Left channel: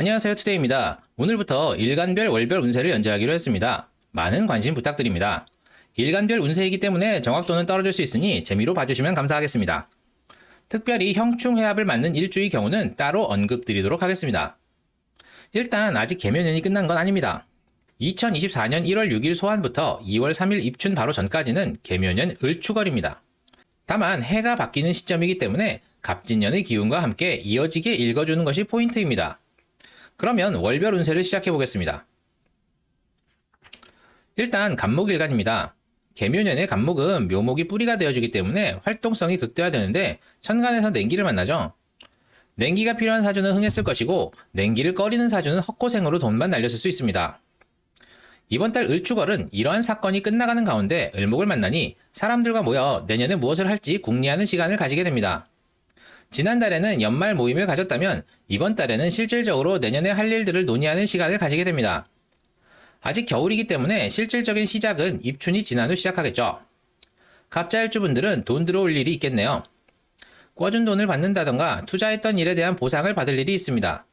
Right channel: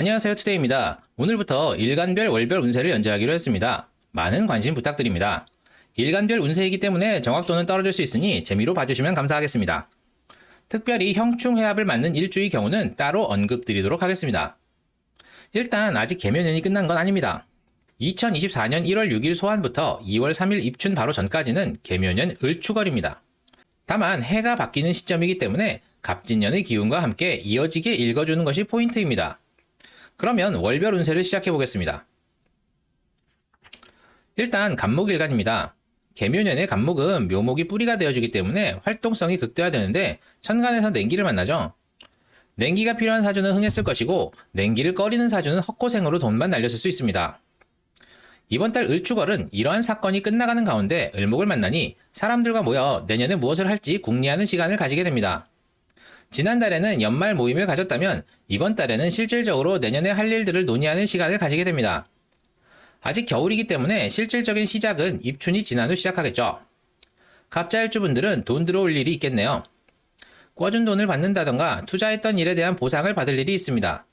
안녕하세요, 투데이입니다. 오늘부터 일간별 월별 운세를 연재하기로 했습니다. 많은 관심 부탁드립니다. 일간별 운세이기 때문에 정확도는 떨어질 수 있으니 재미로 봐주시면 감사하겠습니다. 특별히 형충해합을 맞는 일주의 경우는 따로 언급드리도록 하겠습니다. 일단 아직 개묘년이 끝난 건 아닙니다. 2024년 1월 6일 소환부터 2월 3일 입춘 바로 전까지는 개묘년 을추걸입니다. 다만 해가 바뀌는 시점이기 때문에 갑진년의 기운과 함께 이어지게 읽어주는 것이 포인트입니다. 그러면 월별 운세를 시작해 보겠습니다. 일단 간목일간입니다. 개묘년의 간목은 묘목이 뿌리가 되어주기 때문에 활동성이 극대화되는데 천간에서 냉기를 만나죠. 냉기가 필요한 사주는 흥했을 것이고 냉기를 꺼리는 사주는 헛고생으로 돈만 날렸을 수 있습니다. 이번 달 을추걸은 이러한 사건이 끝나가는 가운데 을목을 만나니 사람들과 모여 내년에 무엇을 할지 궁리하는 시간을 가지게 됩니다. 지난달에는 연말 모임을 가졌다면 이번 달에는 실질적으로 내년에 할 일들을 논의하는 시간을 가지게 됩니다. 아직 겨울이기 때문에 실질적인 시작은 입춘이 지난 후 시작하겠죠. 갑자일주분들은 돈 들어올 일이 있겠네요. 꿔준 돈을 받는다던가 투자했던 일에 대한 보상을 받을 일이 있습니다.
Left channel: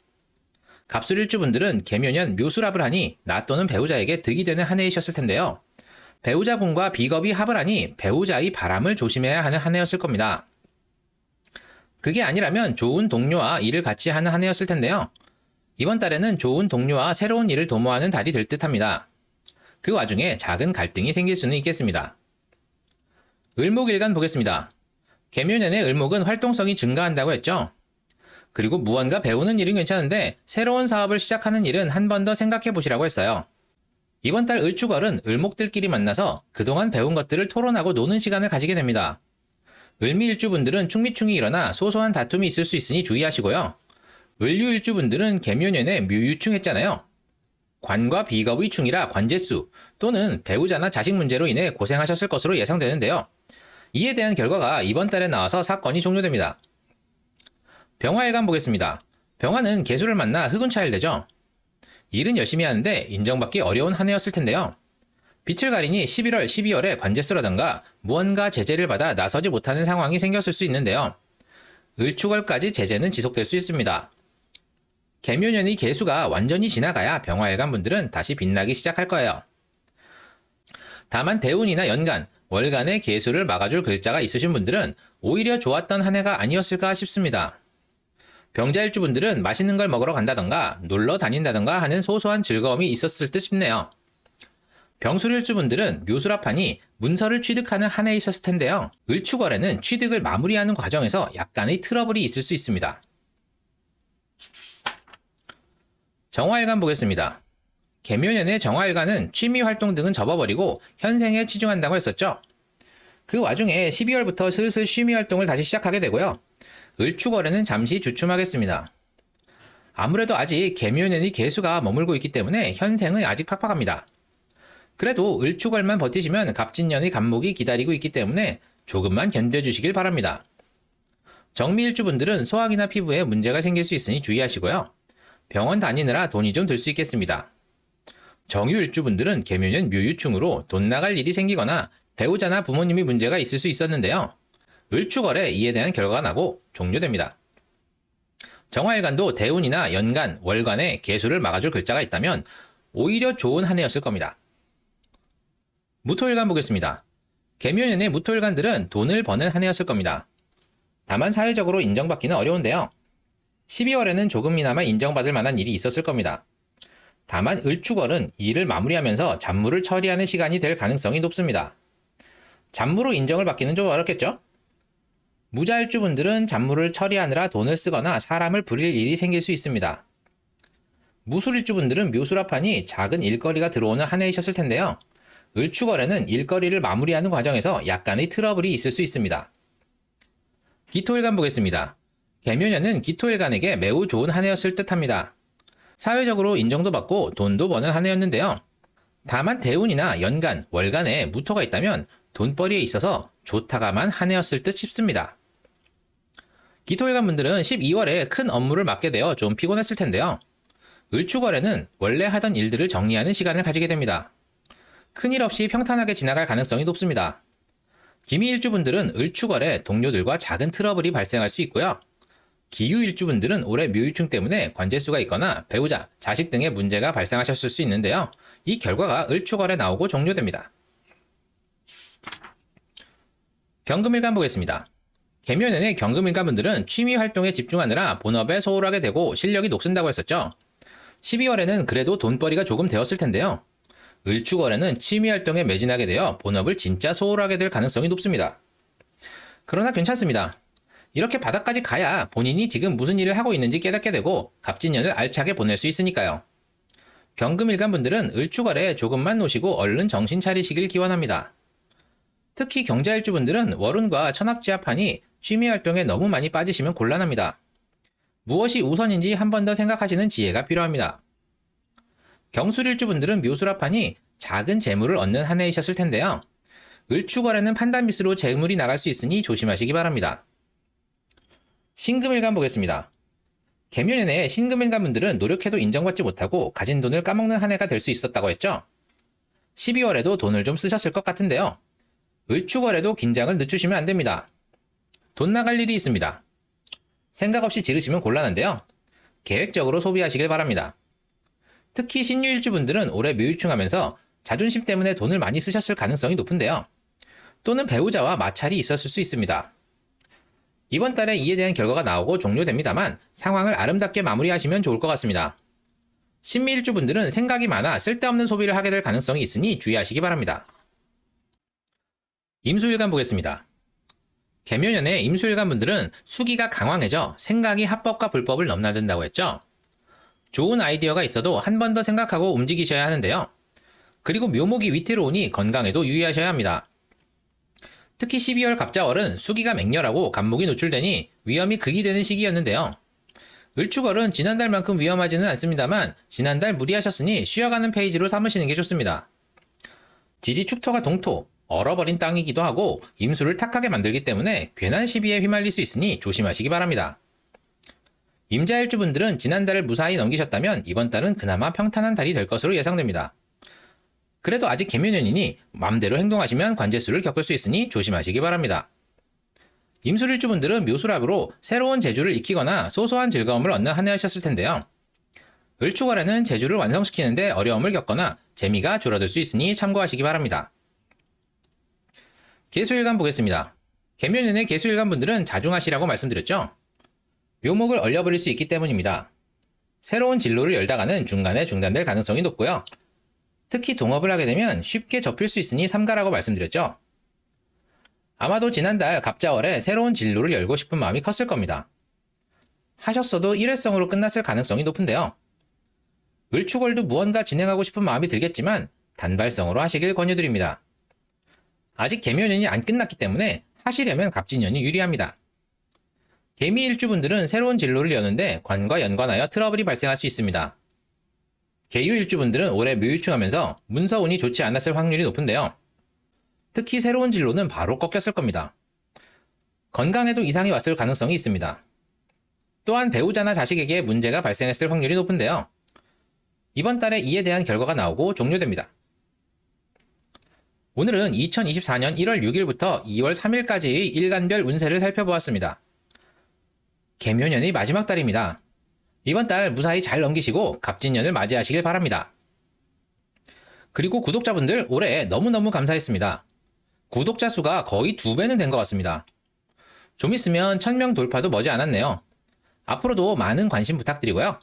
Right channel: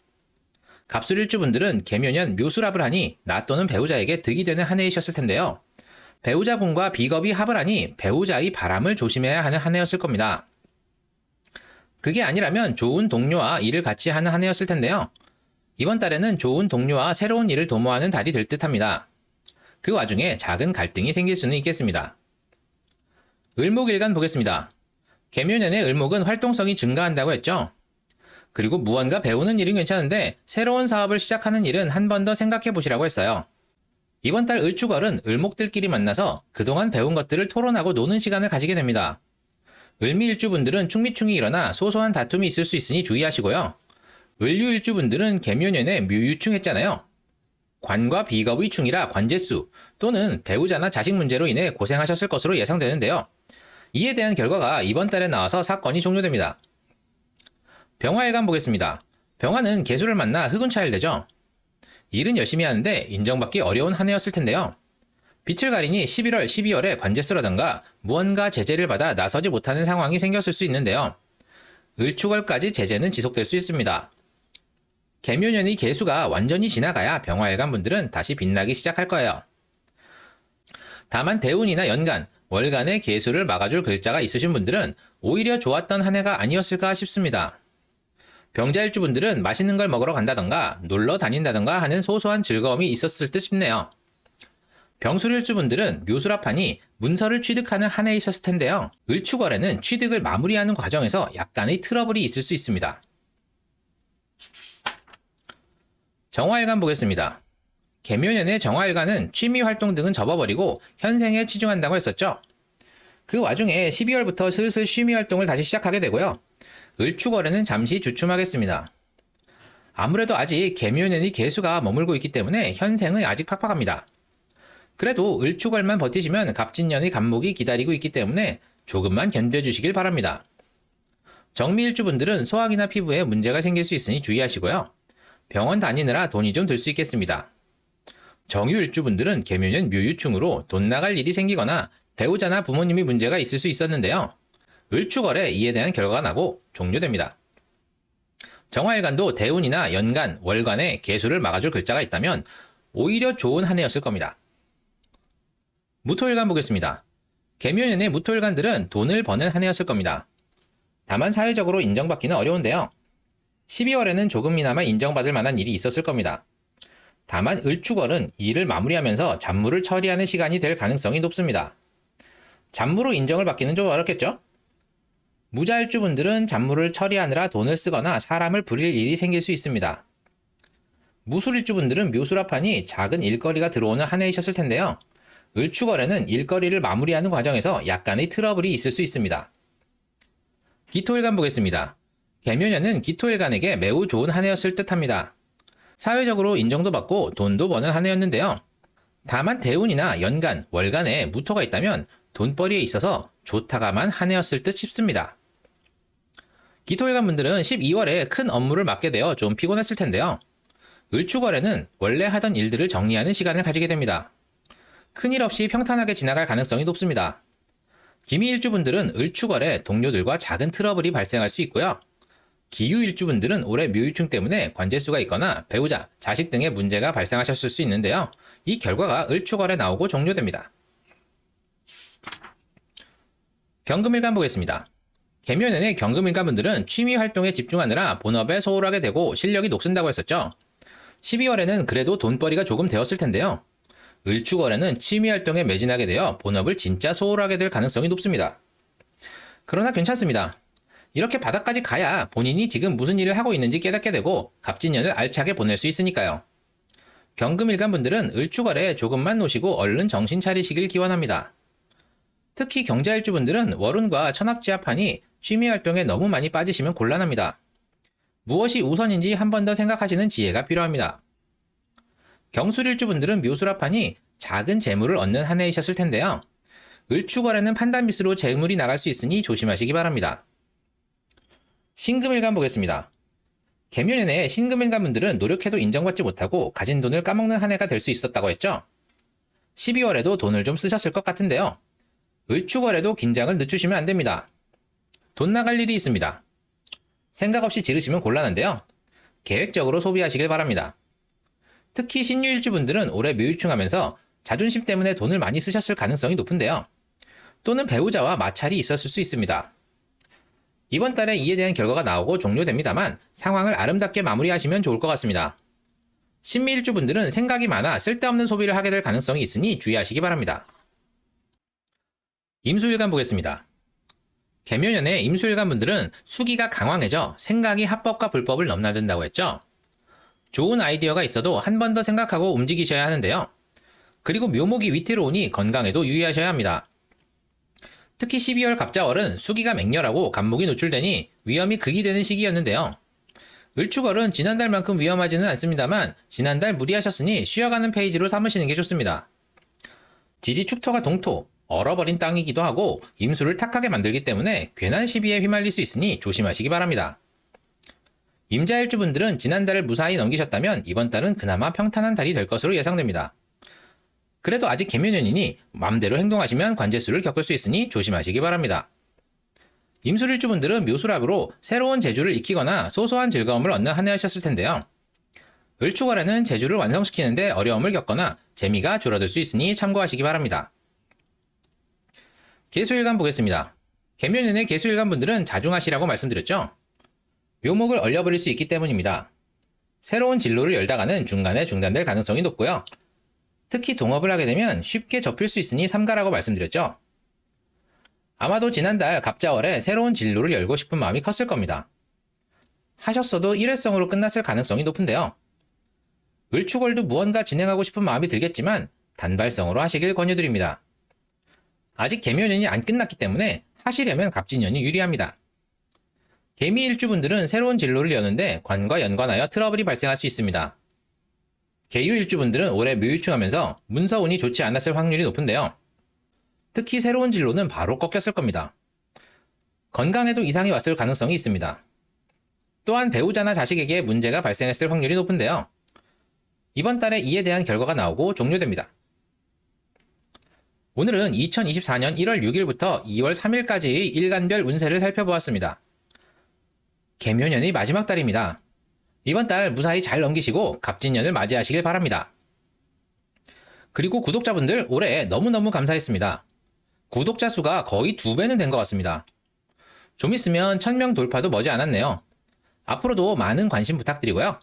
갑술일주분들은 개묘년 묘술합을 하니 나 또는 배우자에게 득이 되는 한 해이셨을 텐데요. 배우자분과 비겁이 합을 하니 배우자의 바람을 조심해야 하는 한 해였을 겁니다. 그게 아니라면 좋은 동료와 일을 같이 하는 한 해였을 텐데요. 이번 달에는 좋은 동료와 새로운 일을 도모하는 달이 될 듯합니다. 그 와중에 작은 갈등이 생길 수는 있겠습니다. 을목일간 보겠습니다. 개묘년의 을목은 활동성이 증가한다고 했죠. 그리고 무언가 배우는 일은 괜찮은데 새로운 사업을 시작하는 일은 한 번 더 생각해 보시라고 했어요. 이번 달 을추걸은 을목들끼리 만나서 그동안 배운 것들을 토론하고 노는 시간을 가지게 됩니다. 을미일주분들은 충미충이 일어나 소소한 다툼이 있을 수 있으니 주의하시고요. 을류일주분들은 개묘년에 묘유충했잖아요. 관과 비겁의 충이라 관제수 또는 배우자나 자식 문제로 인해 고생하셨을 것으로 예상되는데요. 이에 대한 결과가 이번 달에 나와서 사건이 종료됩니다. 병화일간 보겠습니다. 병화는 계수를 만나 흑운 차일되죠. 일은 열심히 하는데 인정받기 어려운 한 해였을 텐데요. 빛을 가리니 11월, 12월에 관제수라던가 무언가 제재를 받아 나서지 못하는 상황이 생겼을 수 있는데요. 을추걸까지 제재는 지속될 수 있습니다. 개묘년의 개수가 완전히 지나가야 병화일간 분들은 다시 빛나기 시작할 거예요. 다만 대운이나 연간, 월간의 개수를 막아줄 글자가 있으신 분들은 오히려 좋았던 한 해가 아니었을까 싶습니다. 병자일주분들은 맛있는 걸 먹으러 간다던가 놀러 다닌다던가 하는 소소한 즐거움이 있었을 듯 싶네요. 병술일주분들은 묘술합하니 문서를 취득하는 한 해 있었을 텐데요. 을추걸에는 취득을 마무리하는 과정에서 약간의 트러블이 있을 수 있습니다. 정화일간 보겠습니다. 개묘년의 정화일간은 취미활동 등은 접어버리고 현생에 치중한다고 했었죠. 그 와중에 12월부터 슬슬 취미활동을 다시 시작하게 되고요. 을추걸에는 잠시 주춤하겠습니다. 아무래도 아직 개묘년의 개수가 머물고 있기 때문에 현생은 아직 팍팍합니다. 그래도 을추걸만 버티시면 갑진년의 간목이 기다리고 있기 때문에 조금만 견뎌주시길 바랍니다. 정미일주분들은 소화기나 피부에 문제가 생길 수 있으니 주의하시고요. 병원 다니느라 돈이 좀 들 수 있겠습니다. 정유일주분들은 개묘년 묘유충으로 돈 나갈 일이 생기거나 배우자나 부모님이 문제가 있을 수 있었는데요. 을추걸에 이에 대한 결과가 나고 종료됩니다. 정화일간도 대운이나 연간, 월간에 개수를 막아줄 글자가 있다면 오히려 좋은 한 해였을 겁니다. 무토일간 보겠습니다. 개묘년의 무토일간들은 돈을 버는 한 해였을 겁니다. 다만 사회적으로 인정받기는 어려운데요. 12월에는 조금이나마 인정받을 만한 일이 있었을 겁니다. 다만 을추걸은 일을 마무리하면서 잡무를 처리하는 시간이 될 가능성이 높습니다. 잡무로 인정을 받기는 좀 어렵겠죠? 무자일주분들은 잡무를 처리하느라 돈을 쓰거나 사람을 부릴 일이 생길 수 있습니다. 무술일주분들은 묘술합하니 작은 일거리가 들어오는 한 해이셨을 텐데요. 을추걸에는 일거리를 마무리하는 과정에서 약간의 트러블이 있을 수 있습니다. 기토일간 보겠습니다. 개묘년은 기토일간에게 매우 좋은 한 해였을 듯합니다. 사회적으로 인정도 받고 돈도 버는 한 해였는데요. 다만 대운이나 연간, 월간에 무토가 있다면 돈벌이에 있어서 좋다가만 한 해였을 듯 싶습니다. 기토일간 분들은 12월에 큰 업무를 맡게 되어 좀 피곤했을 텐데요. 을추걸에는 원래 하던 일들을 정리하는 시간을 가지게 됩니다. 큰일 없이 평탄하게 지나갈 가능성이 높습니다. 기미일주분들은 을추걸에 동료들과 작은 트러블이 발생할 수 있고요. 기유일주분들은 올해 묘유충 때문에 관제수가 있거나 배우자, 자식 등의 문제가 발생하셨을 수 있는데요. 이 결과가 을축월에 나오고 종료됩니다. 경금일간 보겠습니다. 개묘년의 경금일간분들은 취미활동에 집중하느라 본업에 소홀하게 되고 실력이 녹슨다고 했었죠. 12월에는 그래도 돈벌이가 조금 되었을 텐데요. 을축월에는 취미활동에 매진하게 되어 본업을 진짜 소홀하게 될 가능성이 높습니다. 그러나 괜찮습니다. 이렇게 바닥까지 가야 본인이 지금 무슨 일을 하고 있는지 깨닫게 되고 갑진년을 알차게 보낼 수 있으니까요. 경금일간분들은 을축월에 조금만 노시고 얼른 정신 차리시길 기원합니다. 특히 경자일주분들은 월운과 천합지합하니 취미활동에 너무 많이 빠지시면 곤란합니다. 무엇이 우선인지 한 번 더 생각하시는 지혜가 필요합니다. 경술일주분들은 묘술합하니 작은 재물을 얻는 한 해이셨을 텐데요. 을축월에는 판단 미스로 재물이 나갈 수 있으니 조심하시기 바랍니다. 신금일간 보겠습니다. 개묘년에 신금일간분들은 노력해도 인정받지 못하고 가진 돈을 까먹는 한 해가 될 수 있었다고 했죠. 12월에도 돈을 좀 쓰셨을 것 같은데요. 을축월에도 긴장을 늦추시면 안 됩니다. 돈 나갈 일이 있습니다. 생각 없이 지르시면 곤란한데요. 계획적으로 소비하시길 바랍니다. 특히 신유일주분들은 올해 묘유충하면서 자존심 때문에 돈을 많이 쓰셨을 가능성이 높은데요. 또는 배우자와 마찰이 있었을 수 있습니다. 이번 달에 이에 대한 결과가 나오고 종료됩니다만 상황을 아름답게 마무리하시면 좋을 것 같습니다. 신미일주분들은 생각이 많아 쓸데없는 소비를 하게 될 가능성이 있으니 주의하시기 바랍니다. 임수일간 보겠습니다. 개묘년에 임수일간분들은 수기가 강황해져 생각이 합법과 불법을 넘나든다고 했죠. 좋은 아이디어가 있어도 한 번 더 생각하고 움직이셔야 하는데요. 그리고 묘목이 위태로우니 건강에도 유의하셔야 합니다. 특히 12월 갑자월은 수기가 맹렬하고 간목이 노출되니 위험이 극이 되는 시기였는데요. 을축월은 지난달만큼 위험하지는 않습니다만 지난달 무리하셨으니 쉬어가는 페이지로 삼으시는 게 좋습니다. 지지 축토가 동토, 얼어버린 땅이기도 하고 임수를 탁하게 만들기 때문에 괜한 시비에 휘말릴 수 있으니 조심하시기 바랍니다. 임자일주분들은 지난달을 무사히 넘기셨다면 이번 달은 그나마 평탄한 달이 될 것으로 예상됩니다. 그래도 아직 개묘년이니 마음대로 행동하시면 관제수를 겪을 수 있으니 조심하시기 바랍니다. 임술일주분들은 묘술합으로 새로운 재주를 익히거나 소소한 즐거움을 얻는 한 해하셨을 텐데요. 을축월에는 재주를 완성시키는데 어려움을 겪거나 재미가 줄어들 수 있으니 참고하시기 바랍니다. 개수일간 보겠습니다. 개묘년의 개수일간분들은 자중하시라고 말씀드렸죠. 묘목을 얼려버릴 수 있기 때문입니다. 새로운 진로를 열다가는 중간에 중단될 가능성이 높고요. 특히 동업을 하게 되면 쉽게 접힐 수 있으니 삼가라고 말씀드렸죠. 아마도 지난달 갑자월에 새로운 진로를 열고 싶은 마음이 컸을 겁니다. 하셨어도 일회성으로 끝났을 가능성이 높은데요. 을축월도 무언가 진행하고 싶은 마음이 들겠지만 단발성으로 하시길 권유드립니다. 아직 개묘년이 안 끝났기 때문에 하시려면 갑진년이 유리합니다. 개미일주분들은 새로운 진로를 여는데 관과 연관하여 트러블이 발생할 수 있습니다. 개유일주분들은 올해 묘유충하면서 문서운이 좋지 않았을 확률이 높은데요. 특히 새로운 진로는 바로 꺾였을 겁니다. 건강에도 이상이 왔을 가능성이 있습니다. 또한 배우자나 자식에게 문제가 발생했을 확률이 높은데요. 이번 달에 이에 대한 결과가 나오고 종료됩니다. 오늘은 2024년 1월 6일부터 2월 3일까지의 일간별 운세를 살펴보았습니다. 개묘년의 마지막 달입니다. 이번 달 무사히 잘 넘기시고 갑진년을 맞이하시길 바랍니다. 그리고 구독자분들 올해 너무너무 감사했습니다. 구독자 수가 거의 2배는 된 것 같습니다. 좀 있으면 1000명 돌파도 머지 않았네요. 앞으로도 많은 관심 부탁드리고요.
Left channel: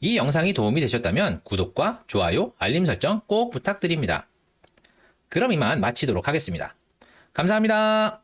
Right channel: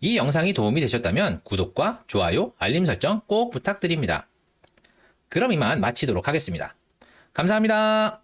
이 영상이 도움이 되셨다면 구독과 좋아요, 알림 설정 꼭 부탁드립니다. 그럼 이만 마치도록 하겠습니다. 감사합니다.